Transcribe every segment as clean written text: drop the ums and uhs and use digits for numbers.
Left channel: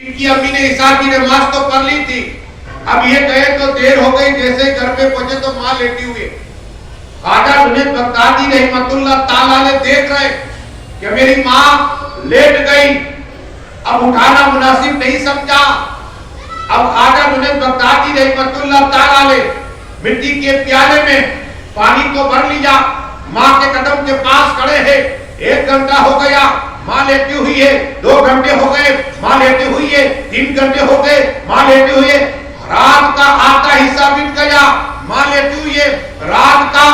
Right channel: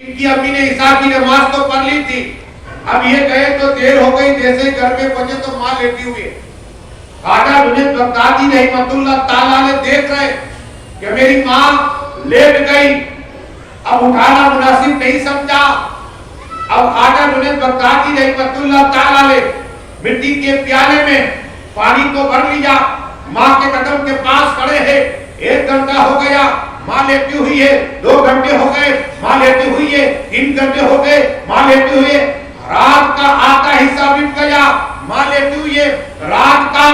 इनकी अम्मी ने इशा की नमाज तो पढ़ ली थी। अब ये गए तो देर हो गई, जैसे घर पे पहुंचे तो मां लेटी हुई। ख्वाजा जुनैद बगदादी रहमतुल्लाह ताला ने देख रहे कि मेरी मां लेट गई, अब उठाना मुनासिब नहीं समझा। अब ख्वाजा जुनैद बगदादी रहमतुल्लाह ताला ने मिट्टी के प्याले में पानी तो भर लिया, मां के कदम के पास खड़े हैं। 1 घंटा हो गया, मां लेटी हुई है। 2 घंटे हो गए, मां लेटी हुई है। 3 घंटे हो गए, मां लेटी हुई है। रात का आधा हिस्सा बीत गया, मां लेटी हुई है। रात का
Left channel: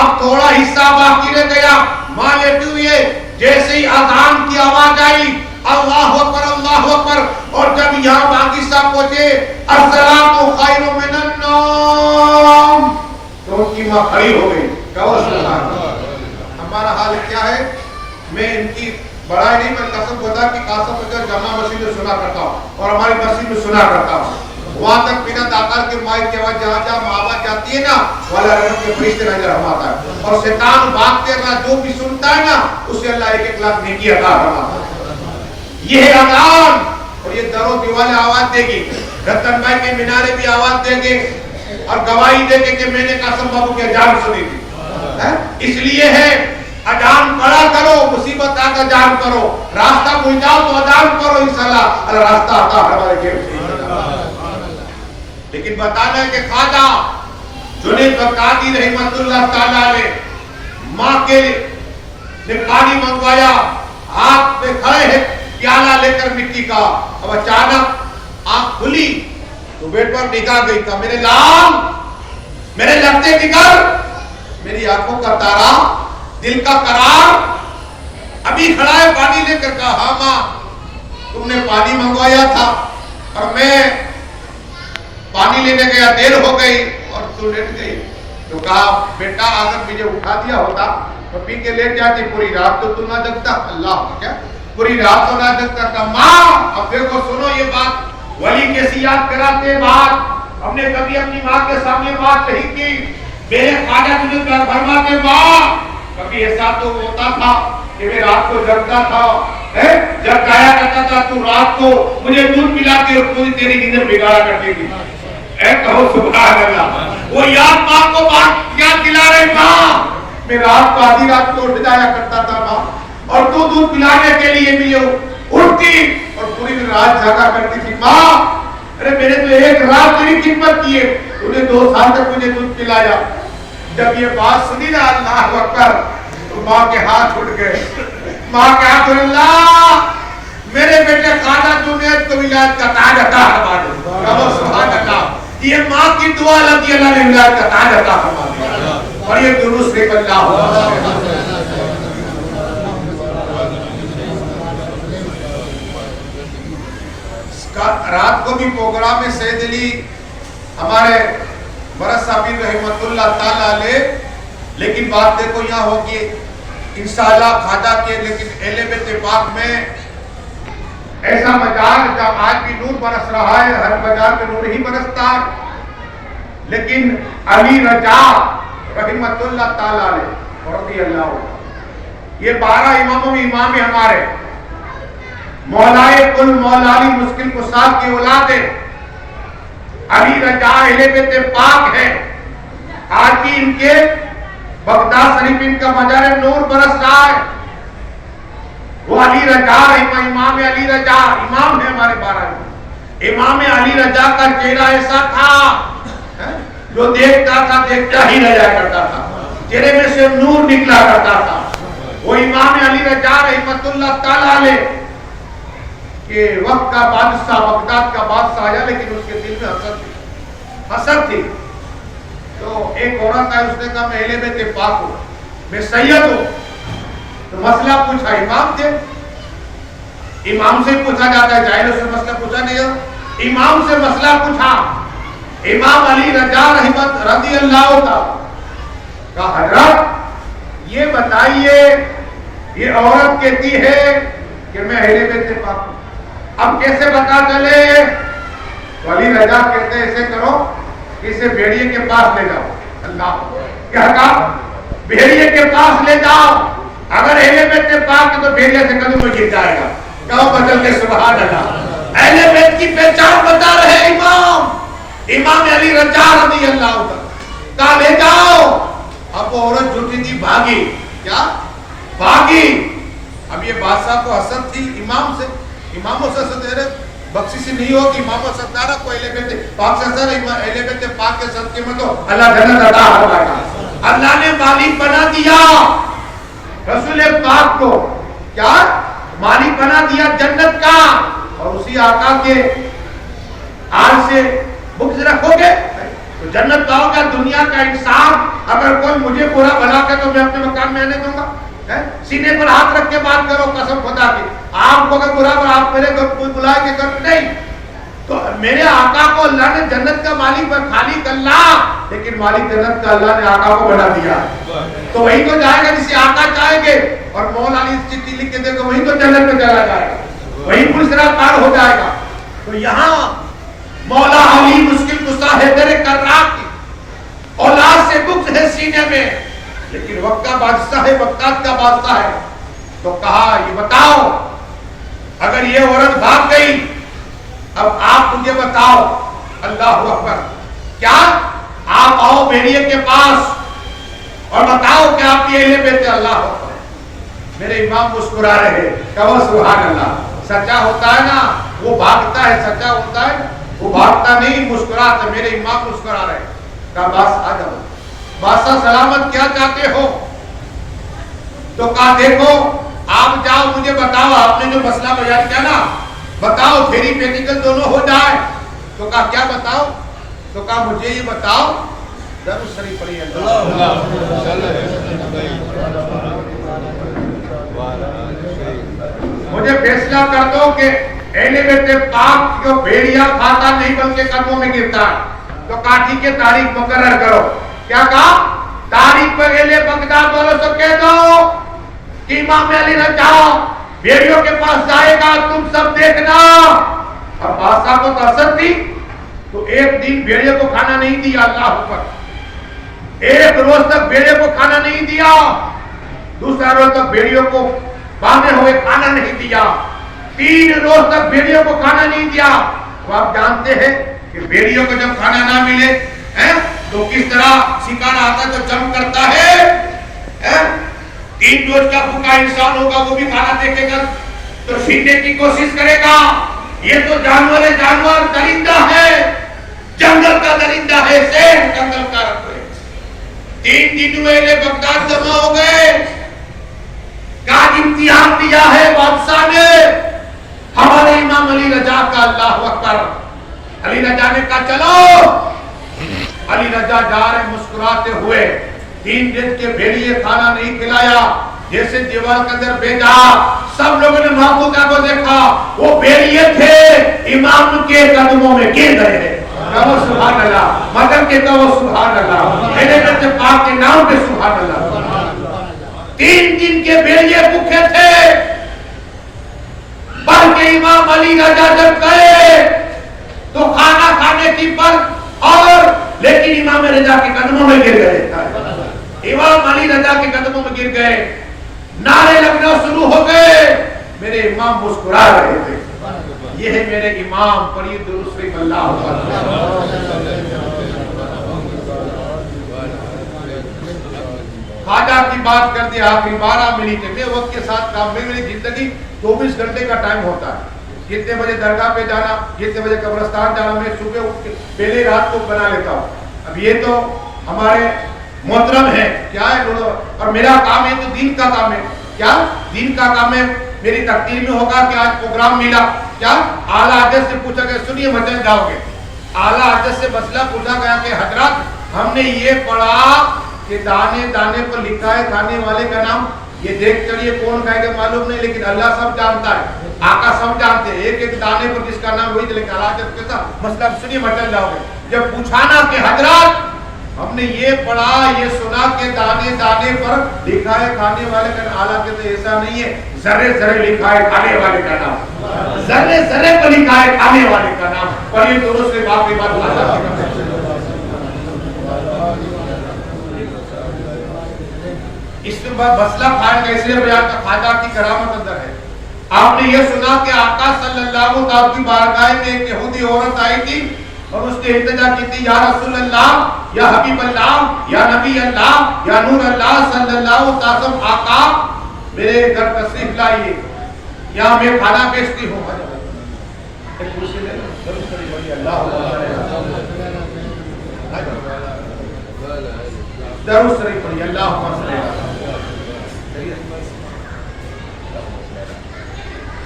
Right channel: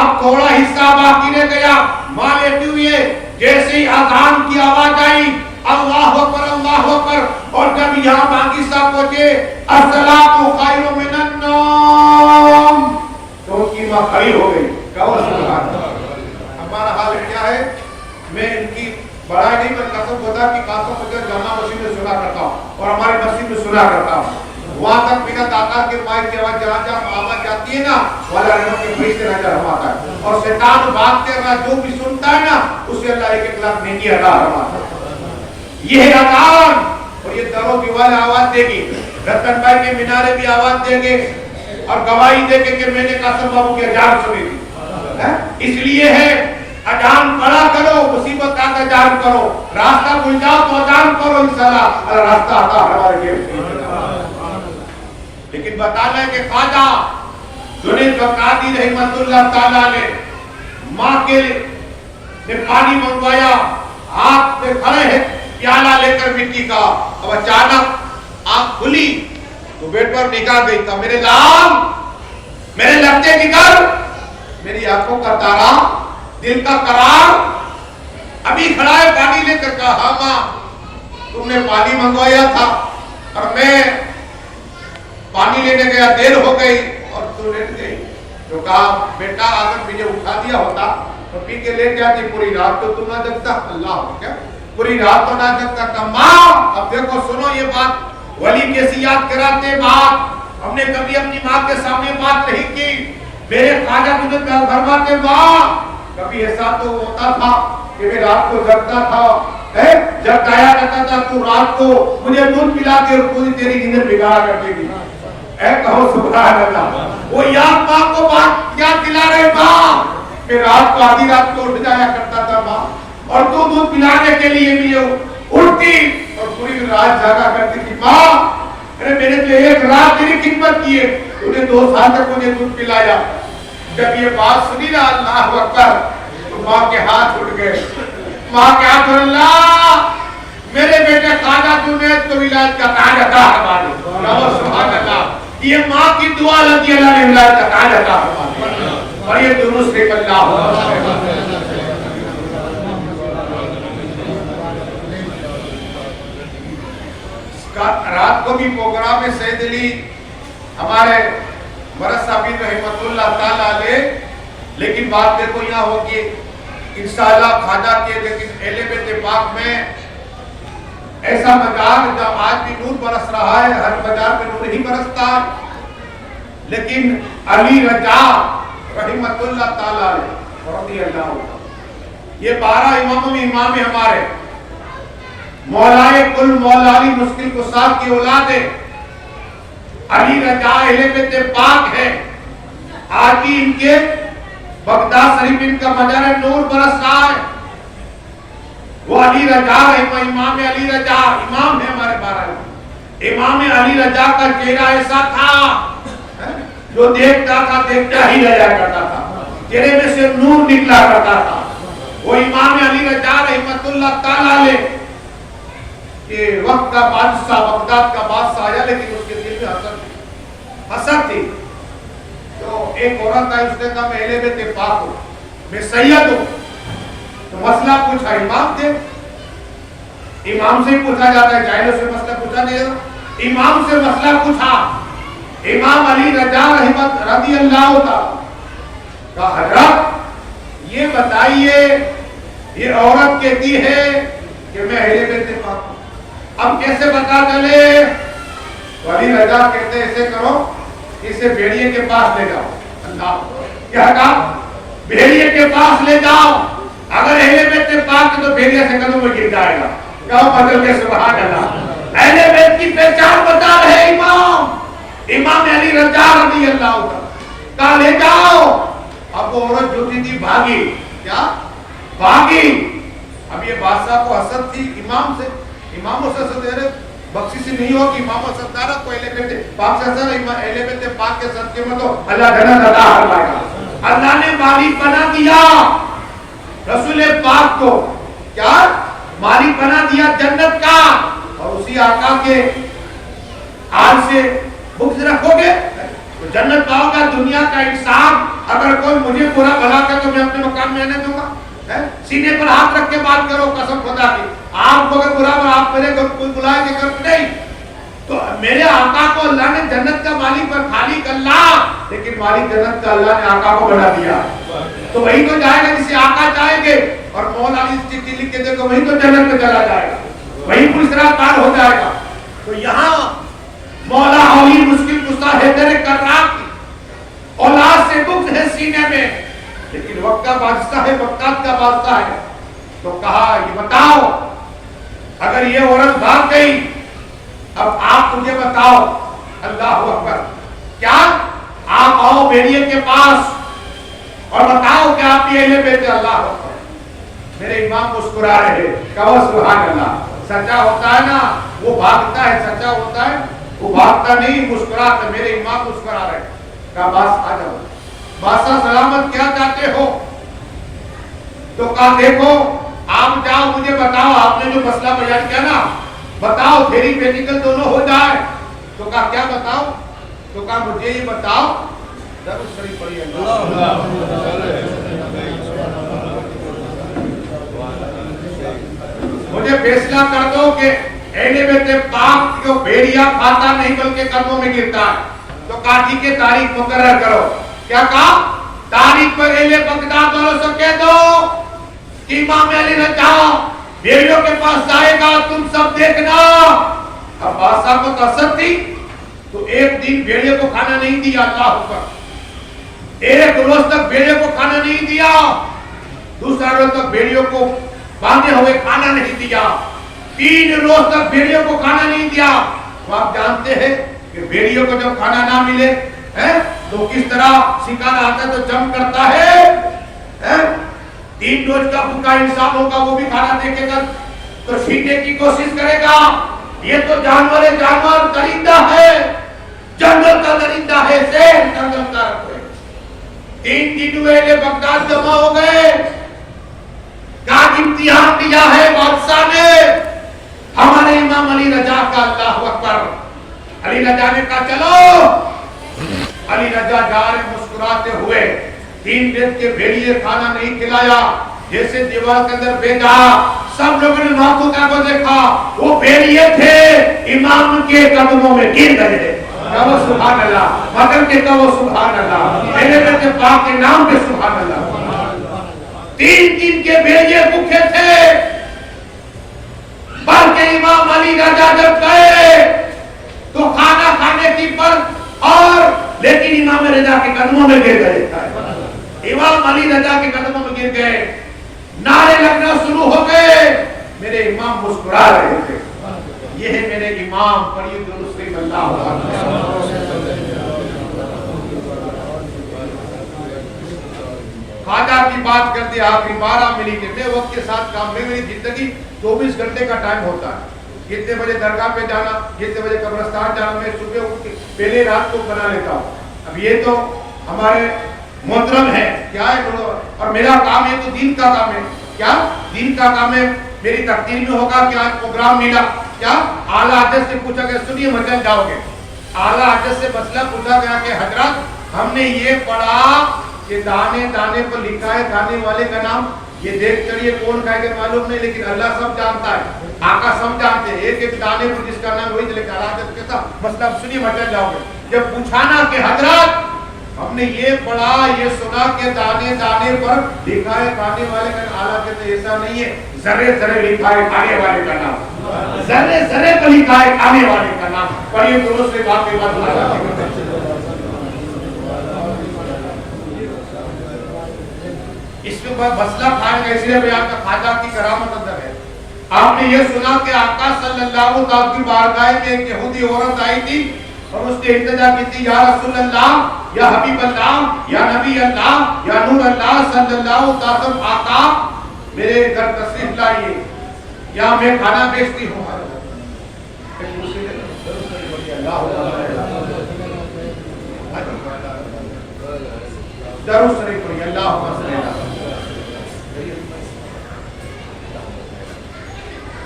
अब थोड़ा हिस्सा बाकी रह गया, मां लेटी हुई है। जैसे ही अजान की आवाज आई, अल्लाहु अकबर अल्लाहु अकबर, और जब यहाँ बाकी साहब पहुंचे अस्सलातु खैरुम मिनन नौम, तो उनकी मां खड़ी हो गई। कहो सुभान अल्लाह। हमारा हाल क्या है? मैं इनकी बड़ाई नहीं, मैं कसम खुदा की कासम मुझे जमा मस्जिद में सुना करता हूँ और हमारी मस्जिद में सुना करता हूँ। वहां तक बिना दातार के माइक की आवाज जहाँ जहाँ आवाज जाती है ना, वाला रहमत के फरिश्ते नजर फरमाता है, और शैतान भागते रहा जो भी सुनता है ना उसे अल्लाह 1-1 लाख नेकी अता फरमाता है। ये है अजान, और ये दरो दीवारें आवाज देगी, रतन भाई के मीनारे भी आवाज देंगे और गवाही देंगे कि मैंने कासम बाबू की अजान सुनी थी। इसलिए है अजान पढ़ा करो, मुसीबत का अजान करो, रास्ता भूल जाओ तो अजान करो, इंशाअल्लाह रास्ता आता हमारे लिए। लेकिन बताना है कि ख्वाजा जुनैद बगदादी रहमतुल्लाह ताला ने मां के लिए पानी मंगवाया, हाथ में खड़े हैं प्याला लेकर मिट्टी का। अब अचानक आंख खुली तो बेड पर निगाह गई था, मेरे लाल मेरे लगते बिगड़, मेरी आंखों का तारा, दिल का करार अभी खड़ा है। पानी लेकर कहा, हाँ मां तुमने पानी मंगवाया था और मैं पानी लेने गया, देर हो गई और तू लेट गई। तो कहा बेटा अगर मुझे उठा दिया होता तो पी के लेट जाती, पूरी रात तो तू ना जगता। अल्लाह क्या पूरी रात तो ना जगता। मां अब देखो सुनो ये बात, वली कैसी याद कराते बात, हमने कभी अपनी माँ के सामने बात नहीं की। मेरे ख्वाजा जुनैद फरमाते माँ कभी ऐसा तो होता था कि मैं रात को जगता था, जब गाया करता था तो रात को मुझे दूध पिला के पूरी तेरी नींद बिगाड़ा करती थी। कहो सुभान अल्लाह। वो याद माँ को बात याद दिला रहे माँ, मैं रात को आधी रात को उठ जाया करता था माँ, और तू दूध पिलाने के लिए मुझे उठती और पूरी रात जागा करती थी माँ। अरे मैंने तो 1 रात तेरी खिदमत की है, तूने 2 साल तक मुझे दूध पिलाया। जब ये बात सुनी ना अल्लाह अकबर, तो माँ के हाथ उठ गए। माँ के हाथ उठ, अल्लाह मेरे बेटे ख्वाजा जुनैद को विलायत का ताज अता फरमा दे। कहो सुभान अल्लाह। ये माँ की दुआ लगी, अल्लाह ने विलायत का ताज अता फरमा दिया। और ये दुरूद से अल्लाह रात को भी प्रोग्राम में सैयद अली हमारे मरस साबिर रहमतुल्लाह ताला अलैह। लेकिन बात देखो यहाँ होगी इंशाअल्लाह ख्वाजा के, लेकिन अहले बैत पाक में ऐसा मजार जब आज भी नूर बरस रहा है, हर मजार में नूर ही बरसता है। लेकिन अली रजा रहमतुल्लाह ताला अलैह रज़ियल्लाहु, ये 12 इमामों में इमाम है हमारे, मौलाए कुल मौला अली मुश्किल कुसाद की औलाद है। अली रजा अहले बैत पाक है। आज भी इनके बगदाद शरीफ इनका मजार नूर बरस रहा है। वो अली रजा इमाम अली रजा इमाम है हमारे 12 इमाम अली रजा का चेहरा ऐसा था जो देखता था देखता ही रह जाया करता था, चेहरे में से नूर निकला करता था। वो इमाम अली रजा रहमतुल्लाह ताला अलैह के वक्त का बादशाह, बगदाद का बादशाह आया, लेकिन उसके दिल में हसद थी, हसद थी। तो एक औरत आई, उसने कहा मैं अहले बैत पाक हूं, मैं सैयद हूं। तो मसला पूछा, इमाम थे, इमाम से पूछा जाता है, जाहिलों से मसला पूछा नहीं है, इमाम से मसला पूछा। इमाम अली रजा रहमत रज़ियल्लाहु ताला का हजरत ये बताइए, ये औरत कहती है कि मैं अहले बैत पाक हूं, अब कैसे पता चले? तो अली रजा कहते ऐसे करो, इसे भेड़िए के पास ले जाओ। अल्लाह क्या कहा? भेड़िए के पास ले जाओ, अगर अहले बैत पाक तो भेड़िया से कदम में गिर जाएगा। कहो बदल के सुभान अल्लाह। अहले अहलियत की पहचान बता रहे इमाम अली रजा रज़ी अल्लाह कहा ले जाओ। अब वो औरत जो थी भागी, क्या भागी। अब ये बादशाह को हसद थी इमामों से हसद, बख्शिश नहीं होगी इमाम सरदारा को अहले बैत पाक से असर अहले बैत पाक के सदके में तो अल्लाह जन्नत अता फरमाएगा। अल्लाह ने मालिक बना दिया रसूल पाक को, क्या मालिक बना दिया जन्नत का। और उसी आका के आज से बुक्स रखोगे तो जन्नत पाओगे। दुनिया का इंसान अगर कोई मुझे बुरा भला के तो मैं अपने मकान में आने दूंगा? सीने पर हाथ रख के बात करो कसम खुदा की, आपको अगर बुरा भला आप मेरे घर कोई बुलाए के घर पे नहीं, तो मेरे आका को अल्लाह ने जन्नत का मालिक पर खालिक अल्लाह, लेकिन मालिक जन्नत का अल्लाह ने आका को बना दिया। तो वही तो जाएगा जिसे आका चाहेंगे। और मौला अली चिट्ठी लिख के देखो वही तो जन्नत में चला जाएगा, वही पुलिस पार हो जाएगा। तो यहाँ मौला अली मुश्किल कुशा हैदर कर्रार की औलाद से बुक्स है सीने में, लेकिन वक्त का बादशाह है, वक्तात का बादशाह है। तो कहा ये बताओ अगर ये औरत भाग गई, अब आप मुझे बताओ, अल्लाह अकबर, क्या आप आओ बेरिए के पास और बताओ कि आप ये ले बेटे। अल्लाह अकबर, मेरे इमाम मुस्कुरा रहे, कहो सुभान अल्लाह। सच्चा होता है ना वो भागता है, सच्चा होता है वो भागता नहीं मुस्कुराता। मेरे इमाम मुस्कुरा रहे, कहा बस आ जाओ बादशाह सलामत, क्या चाहते हो? तो कहा देखो आप जाओ मुझे बताओ, आपने जो मसला बयान किया ना बताओ, फेरी पेटिकल दोनों हो जाए। तो कहा क्या बताओ? तो कहा मुझे ये बताओ, दरूद शरीफ पढ़िए, मुझे फैसला कर दो कि अहले बैत पाक जो भेड़िया खाता नहीं बल्कि कदमों में गिरता है। तो कहा ठीक है तारीख मुकर्रर करो। क्या कहा? तारीख पर अहले बगदाद वालों से कह दो कि इमाम अली रजा भेड़ियों के पास जाएगा, तुम सब देखना। अब बादशाह को तरसत थी तो एक दिन भेड़िए को खाना नहीं दिया, अल्लाह अकबर। एक रोज तक भेड़िए को खाना नहीं दिया, दूसरा रोज तक भेड़ियों को बांधे हुए खाना नहीं दिया, 3 रोज तक भेड़ियों को खाना नहीं दिया। तो आप जानते हैं कि भेड़ियों को जब खाना ना मिले तो किस तरह शिकार आता तो जम करता है? 3 रोज का भूखा इंसान होगा वो भी खाना देखेगा तो छीनने की कोशिश करेगा। ये तो जानवर है, जानवर दरिंदा है, जंगल का दरिंदा है, शेर जंगल का रखो। 3 दिन हुए बगदाद जमा हो गए, का इम्तिहान दिया है बादशाह ने हमारे इमाम अली रजा का। अल्लाह अकबर। अली रजा ने कहा चलो। अली रजा जा रहे मुस्कुराते हुए, 3 दिन के भेड़िए खाना नहीं खिलाया, जैसे दीवार के अंदर भेजा, सब लोगों ने महबूबा को देखा, वो भेड़िए थे इमाम के कदमों में गिर गए। कहो सुभान अल्लाह, मदन के कहो सुभान अल्लाह, अहले बैत पाक के नाम पे सुभान अल्लाह। 3 दिन के भेड़िए भूखे थे, बल्कि इमाम अली रजा जब गए तो खाना खाने की पर और लेकिन इमाम रजा के कदमों में गिर गए। इमाम अली रजा के कदमों में गिर गए, नारे लगना शुरू हो गए। मेरे इमाम मुस्कुरा रहे थे, ये है मेरे इमाम, पढ़िए दुरूद शरीफ अल्लाह खाजा की बात कर दी आखिरी 12 मिनट में। वक्त के साथ काम में मेरी जिंदगी 24 घंटे का टाइम होता है। कितने बजे दरगाह पे जाना, कितने बजे कब्रिस्तान जाना, मैं सुबह उठ के पहले रात को बना लेता हूँ। अब ये तो हमारे मोहतरम है, क्या है, और मेरा काम है तो दीन का काम है। क्या दीन का काम है? मेरी तकदीर में होगा कि आज प्रोग्राम मिला, क्या आला हजरत से पूछा गया सुनिए मचल जाओगे। आला हजरत से मसला पूछा गया कि हजरत हमने ये पढ़ा कि दाने दाने पर लिखा है खाने वाले का नाम, ये देख चलिए कौन खाएगा मालूम नहीं, लेकिन अल्लाह सब जानता है, आका सब जानते हैं, एक एक दाने पर जिसका नाम वही चले। आला हजरत के साथ मसला सुनिए मचल जाओगे। जब पूछा ना कि हजरत हमने ये पढ़ा ये सुना के दाने दाने पर लिखा है खाने वाले का, आला के तो ऐसा नहीं है, जर्रे जर्रे लिखा है खाने वाले का नाम, जर्रे जर्रे पर लिखा है खाने वाले का नाम। पढ़िए दोनों से बात के बाद भाषा के करते इसमें मसला खाएगा, इसलिए बयान का खाजा की करामत अंदर है। आपने ये सुना कि आका सल्लल्लाहु अलैहि वसल्लम की बारगाह में एक यहूदी औरत आई थी और उसने इल्तिजा की थी, या रसूल अल्लाह, या हबीब अल्लाह, या नबी अल्लाह, या नूर अल्लाह सल्लल्लाहु अलैहि वसल्लम, आका मेरे घर तशरीफ लाइए, यहाँ मैं खाना बेचती हूँ। दरूद शरीफ पढ़िए, अल्लाहुम्मा सल्ली अला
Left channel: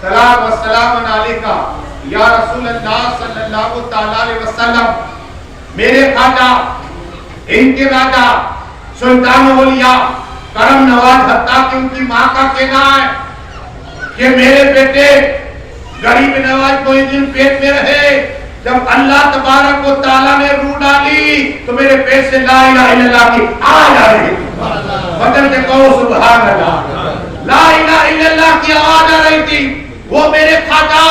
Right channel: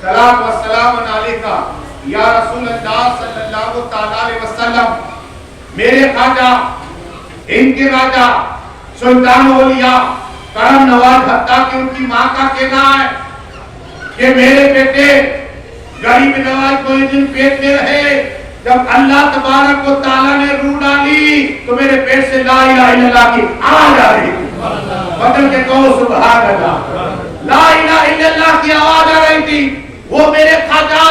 सलाम व सलाम अलैका या रसूल अल्लाह सल्लल्लाहु तआला अलैहि वसल्लम। मेरे ख्वाजा, इनके राजा, सुल्तान औलिया, करम नवाज, हत्ता कि उनकी माँ का कहना है कि मेरे बेटे गरीब नवाज कोई दिन पेट में रहे, जब अल्लाह तबारक व तआला ने रूह डाली तो मेरे पेट से ला इलाहा इल्लल्लाह की आवाज आ रही थी। बदल के कहो सुभान अल्लाह। ला इलाहा इल्लल्लाह की आवाज आ रही थी। वो मेरे ख्वाजा,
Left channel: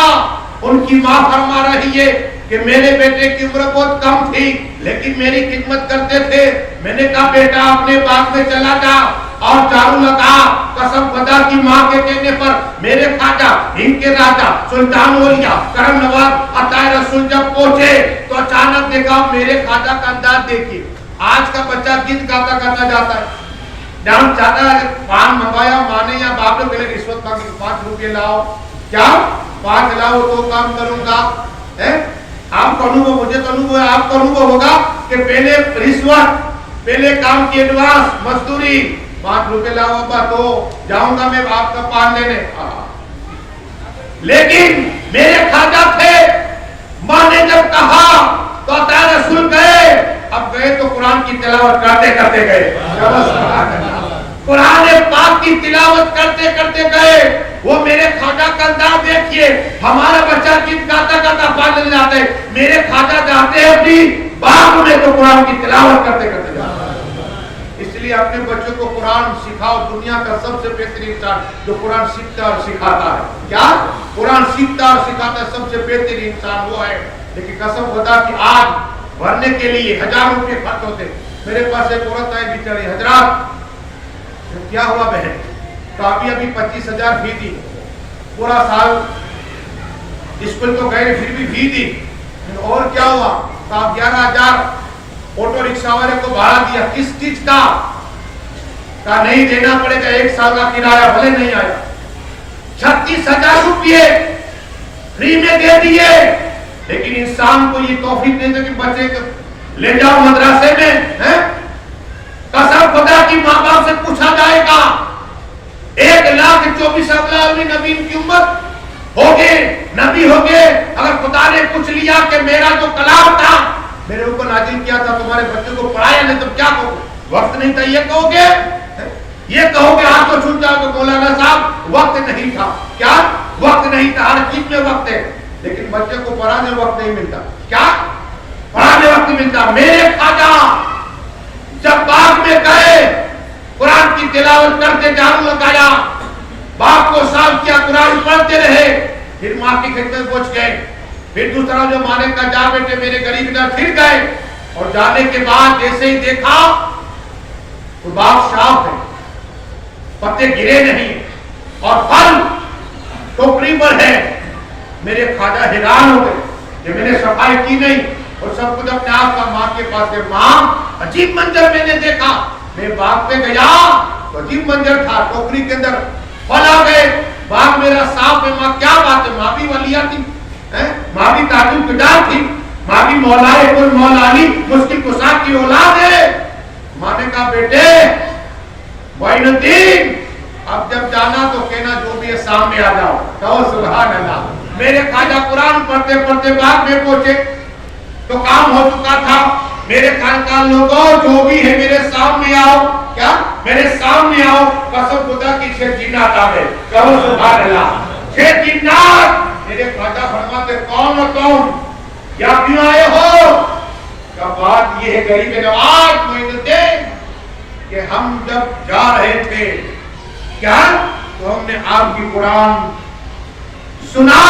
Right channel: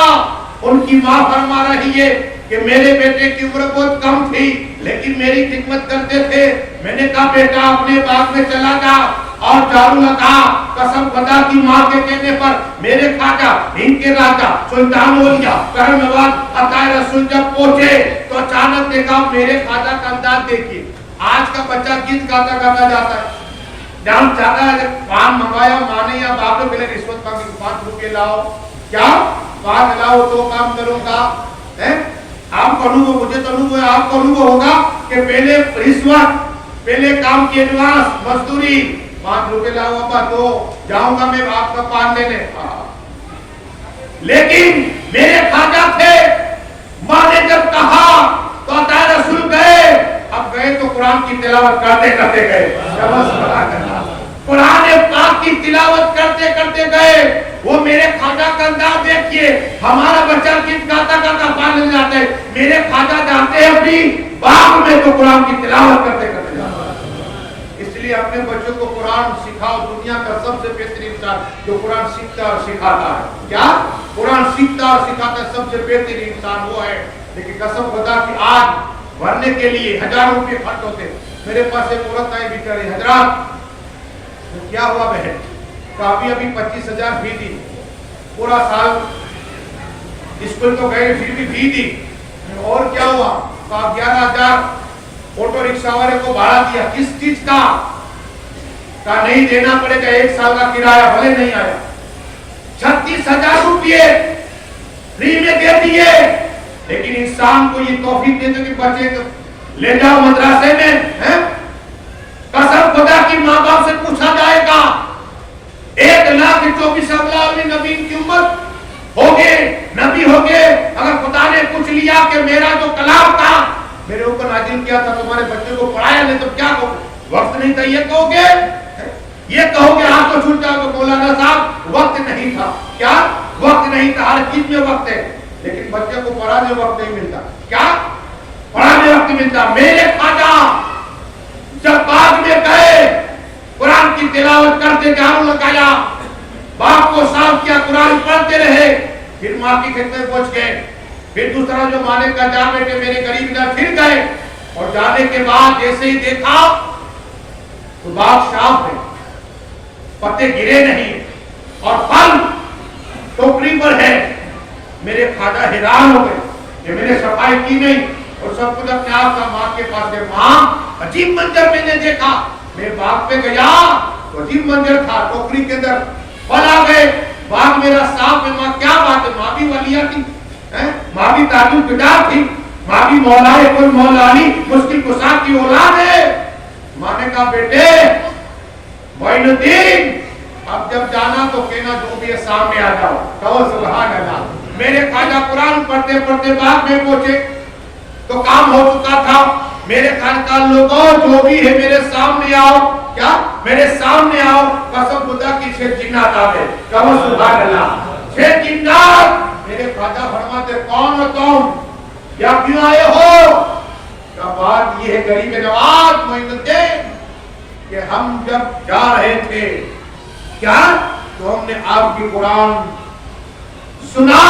उनकी माँ फरमा रही है कि मेरे बेटे की उम्र बहुत कम थी लेकिन मेरी खिदमत करते थे। मैंने कहा बेटा अपने बाग में चला जा और झाड़ू लगा। कसम खुदा की माँ के कहने पर मेरे ख्वाजा, इनके राजा, सुल्तान औलिया, करम नवाज, अताए रसूल जब पहुंचे तो अचानक देखा मेरे ख्वाजा का अंदाज देखिए। आज का बच्चा गीत गाता गाता जाता है, डांस चाहता है, पान मंगाया माँ ने या बाप ने पहले रिश्वत मांगी, 5 रुपये लाओ, क्या 5 लाओ तो काम करूंगा। आपको अनुभव, मुझे तो अनुभव है, आपको अनुभव होगा कि पहले रिश्वत, पहले काम की एडवांस मजदूरी, 5 रुपए लाओ अब्बा तो जाऊंगा मैं आपका पान लेने। लेकिन मेरे ख्वाजा थे, माँ ने जब कहा तो अताए रसूल गए। अब गए तो कुरान की तिलावत करते करते गए, कुरान पाक की तिलावत करते करते गए। वो मेरे ख्वाजा का अंदाज देखिए, हमारा बच्चा गीत गाता गाता पान लेने जाता है, मेरे ख्वाजा जाते हैं अपनी बाग में तो कुरान की तिलावत करते करते जाते हैं। इसलिए अपने बच्चों को कुरान सिखाओ। दुनिया का सबसे बेहतरीन इंसान जो कुरान सीखता और सिखाता है, क्या कुरान सीखता और सिखाता है, सबसे बेहतरीन इंसान वो है। लेकिन कसम खुदा की आज भरने के लिए हजारों रुपए खर्च होते। मेरे पास एक औरत आई बेचारी, हजरात क्या हुआ बहन, काफी अभी 25,000 फी दी, पूरा साल स्कूल तो गए फिर भी फी दी, और क्या हुआ, 11,000 ऑटो रिक्शा वाले को भाड़ा दिया, किस चीज का नहीं देना पड़ेगा, 1 साल का किराया भले नहीं आया, 36,000 रुपये फ्री में दे दिए। लेकिन इंसान को ये तौफीक दे दो कि बच्चे को ले जाओ मदरसे में, है? कसम खुदा की माँ बाप से पूछा जाएगा, 1,24,000 नबी की उम्मत हो गए, नबी हो गए, अगर खुदा ने पूछ लिया कि मेरा जो कलाम था मेरे ऊपर नाजिल किया था, तुम्हारे बच्चों को पढ़ाया नहीं, तो क्या कहोगे? वक्त नहीं था ये कहोगे? ये कहोगे हाथ को छूट जाओगे मौलाना साहब वक्त नहीं था? क्या वक्त नहीं था? हर चीज में वक्त है, लेकिन बच्चे को पढ़ाने वक्त नहीं मिलता। क्या पढ़ाने वक्त मिलता? मेरे ख्वाजा जब बाग में गए, कुरान की तिलावत करते, झाड़ू लगाया, बाग को साफ किया, कुरान पढ़ते रहे, फिर माँ की खिदमत में पहुंच गए। फिर दूसरा जो माने का जा बेटे मेरे गरीब इधर, फिर गए और जाने के बाद जैसे ही देखा तो बाग साफ है, पत्ते गिरे नहीं और फल टोकरी पर है। मेरे ख्वाजा हैरान हो गए कि मैंने सफाई की नहीं और सब कुछ अपने आप का माँ के पास है। माँ अजीब मंजर मैंने देखा, मैं बाग पे गया तो अजीब मंजर था, टोकरी के अंदर फल आ गए, बाग मेरा साफ है। माँ क्या बात है? माँ भी वलिया थी, माँ भी ताजुब गुजार थी, माँ भी मौलाए कुल मौलानी मुश्किल कुशा की औलाद है। माँ ने कहा बेटे मोइनुद्दीन अब जब जाना तो कहना जो भी है सामने आ जाओ, कहो सुभान अल्लाह। मेरे ख्वाजा कुरान पढ़ते पढ़ते बाग में पहुंचे तो काम हो चुका था। मेरे खानका लोगों जो भी है मेरे सामने आओ, क्या मेरे सामने आओ, कसम खुदा की से जिन्नात आ गए, कहो सुभान अल्लाह। से जिन्नात मेरे ख्वाजा फरमाते कौन हो तुम, क्या क्यों आए हो? क्या बात ये है गरीब नवाज मोइनुद्दीन कि हम जब जा रहे थे क्या तो हमने आपकी कुरान सुना,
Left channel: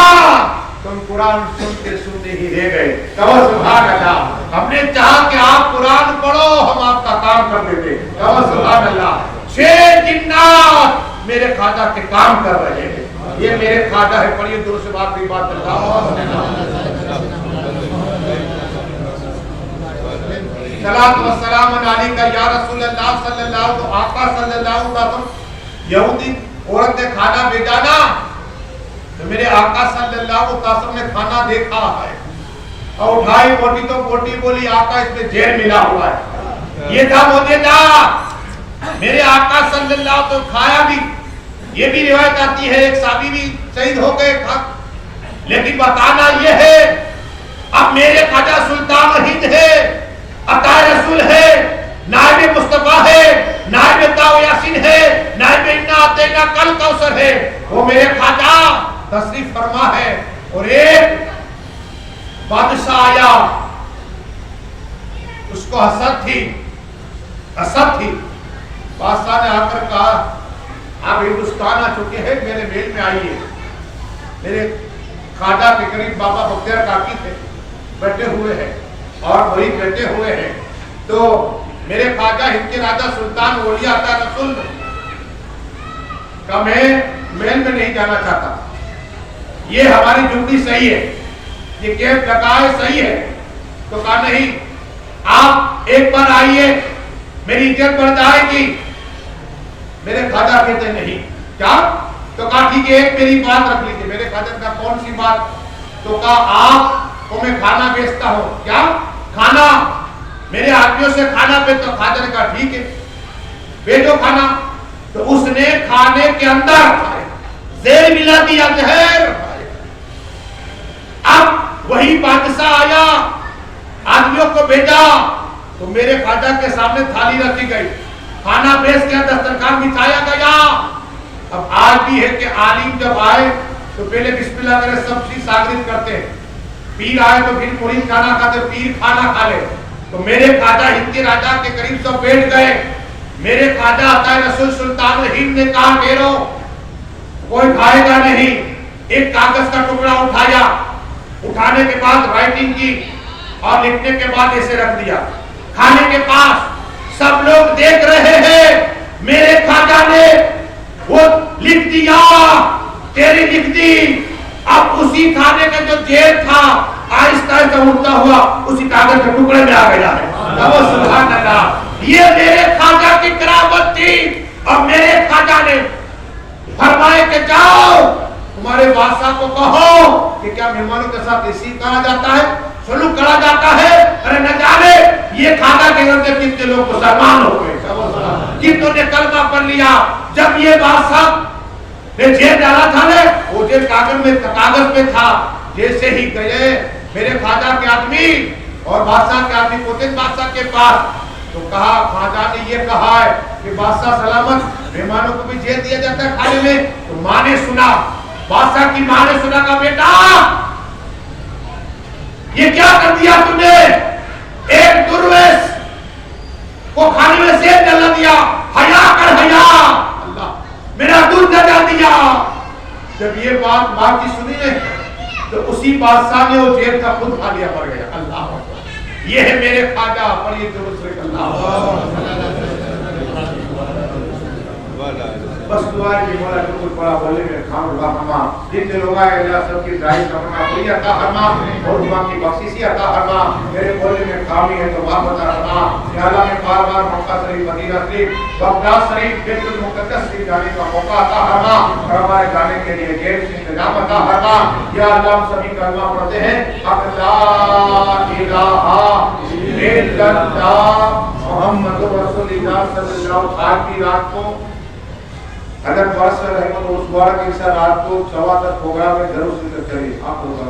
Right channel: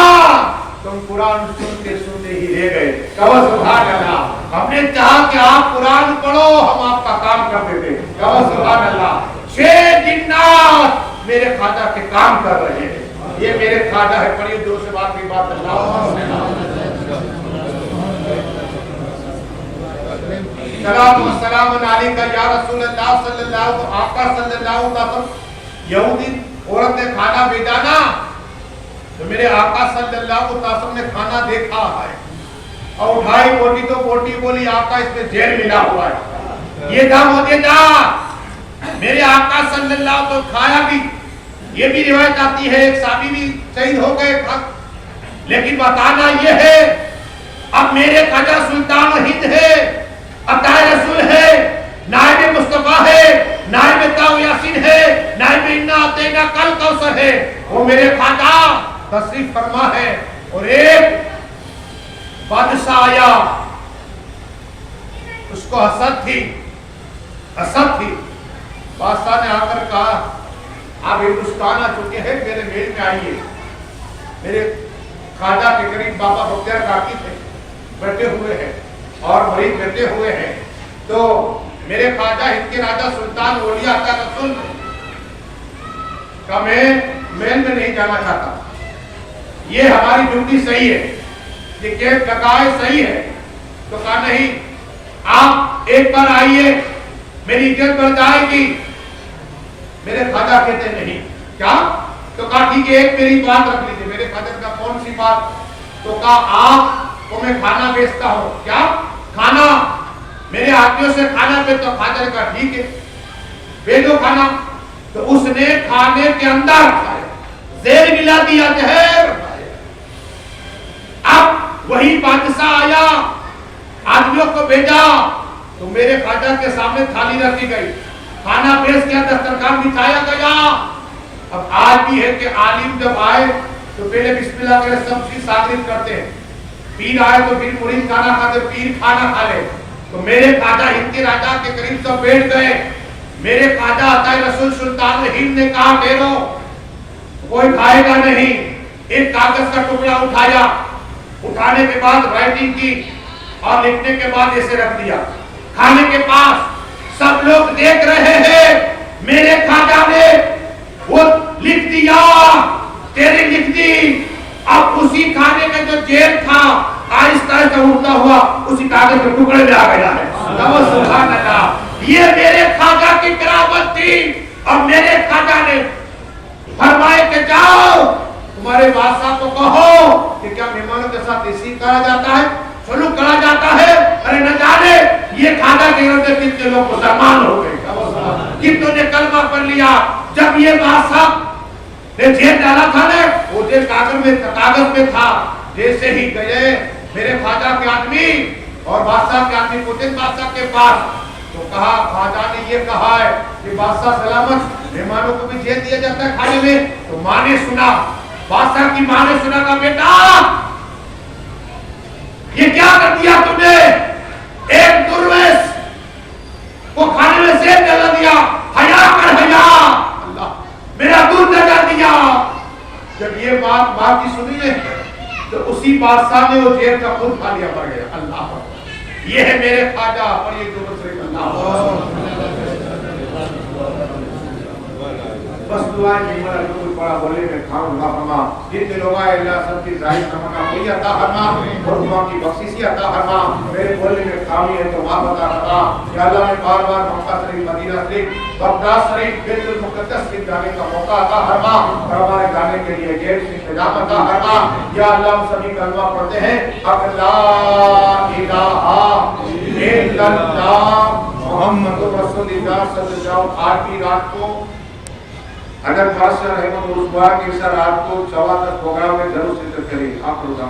तुम कुरान सुनते सुनते ही रह गए, कहो सुभान अल्लाह। हमने चाहा कि आप कुरान पढ़ो, हम आपका काम कर देते, कहो सुभान अल्लाह। 6 जिन्नात मेरे ख्वाजा के काम कर रहे हैं, ये मेरे ख्वाजा है। पढ़िए दूर से बात भी बात सलात व सलाम अलैका या रसूलल्लाह सल्लल्लाहु तो आका सल्लल्लाहु अलैहि वसल्लम। यहूदी औरत ने खाना भेजा ना, तो मेरे आका सल्लल्लाहु अलैहि वसल्लम ने खाना देखा है और उठाई बोटी तो बोटी बोली आका इसमें जहर मिला हुआ है। ये था मौजूदा मेरे आका सल्लल्लाहु अलैहि वसल्लम खाया भी। ये भी रिवायत आती है एक साहबी भी शहीद हो गए खा। लेकिन बताना ये है अब मेरे ख्वाजा सुल्तान हिंद है, अताए रसूल है, नायब मुस्तफा है, नायब ताऊ यासीन है, नायब इन्ना अतैना कल कौसर है। वो मेरे ख्वाजा तशरीफ फरमा है और एक बादशाह आया, उसको हसद थी, हसद थी। बादशाह ने आकर कहा आप हिंदुस्तान आ चुके हैं, मेरे मेल में आइए। मेरे ख्वाजा के करीब बाबा बख्तियार काकी थे, बैठे हुए हैं और मरीज बैठे हुए हैं। तो मेरे ख्वाजा हिंद के राजा सुल्तान ओलिया अता रसूल का मैं मेल में नहीं जाना चाहता। ये हमारी ड्यूटी सही है, ये कैंप लगाए सही है। तो कहा नहीं, आप एक बार आइए, मेरी इज्जत बढ़ जाएगी। मेरे ख्वाजा कहते नहीं। क्या? तो कहा ठीक है, एक मेरी बात रख लीजिए। मेरे ख्वाजा का कौन सी बात? तो कहा आपको मैं खाना बेचता हूँ। क्या खाना? मेरे आदमियों से खाना पे। तो ख्वाजा ने कहा ठीक है, भेजो खाना। तो उसने खाने के अंदर जहर मिला दिया, जहर। अब वही बादशाह आया, आदमियों को भेजा, तो मेरे ख्वाजा के सामने थाली रखी गई, खाना पेश किया, दस्तरखान बिछाया गया। अब आज भी है कि आलिम जब आए तो पहले बिस्मिल्लाह करे, सब चीज सागरित करते हैं। पीर आए तो फिर मुरीद खाना खाते, पीर खाना खा ले। तो मेरे ख्वाजा हिंद के राजा के करीब सब बैठ गए। मेरे ख्वाजा अताए रसूल सुल्तान हिंद ने कहा मेरो कोई खाएगा नहीं। एक कागज का टुकड़ा उठाया, उठाने के बाद राइटिंग की और लिखने के बाद ऐसे रख दिया खाने के पास। सब लोग देख रहे हैं, मेरे ख्वाजा ने वो लिख दिया, तेरी लिख दी। अब उसी खाने का जो जेल था आहिस्ता आहिस्ता उठता हुआ उसी कागज के टुकड़े में आ गया है। सुभान अल्लाह। ये मेरे ख्वाजा की करामत थी। और मेरे ख्वाजा ने फरमाए कि जाओ तुम्हारे बादशाह को कहो कि क्या मेहमानों के साथ ऐसी करा जाता है, सलूक करा जाता है। अरे न जाने ये ख्वाजा के घर से कितने लोग मुसलमान हो गए, कितनों ने कलमा पढ़ लिया। जब ये बादशाह ने जेल डाला था ना, वो जेल कागज में था। जैसे ही गए मेरे ख्वाजा के आदमी और बादशाह के आदमी पोते बादशाह के पास, तो कहा ख्वाजा ने ये कहा है कि बादशाह सलामत, मेहमानों को भी जेल दिया जाता है खाने में। तो माँ ने सुना, बादशाह की माँ ने सुना, का बेटा ये क्या कर दिया तुमने? एक दुर्वेश को खाने में जेल डाल दिया, हया कर हया। अल्लाह, मेरा दूध जगा दिया। जब ये बात माँ की सुनी ने, तो उसी बादशाह ने वो जेल का खुद खा लिया, मर गया। अल्लाह, ये है मेरे ख्वाजा। पर ये बस दुआएं कि मौला जो कोई बड़ा बोले में खाऊंगा हमा, जितने लोग आए अल्लाह सबकी जाहिर तमन्ना पूरी अता फरमा और दुआ की बख्शिश अता फरमा। मेरे बोले में खामी है तो माफ अता फरमा। या अल्लाह ने बार-बार मक्का शरीफ, मदीना शरीफ, बगदाद शरीफ, बैतुल मुक़द्दस शरीफ जाने का मौका अता फरमा और हमारे जाने के लिए जेल से इंतजाम अता फरमा। या अल्लाह हम सभी कलमा पढ़ते हैं, ला इलाहा इल्लल्लाह मुहम्मदुर रसूलुल्लाह सल्लल्लाहु अलैहि वसल्लम। आज की रात को हजरत बादशाह रहमत उस बार के रात को 10:15 प्रोग्राम में जरूर शिरकत करें। आप प्रोग्राम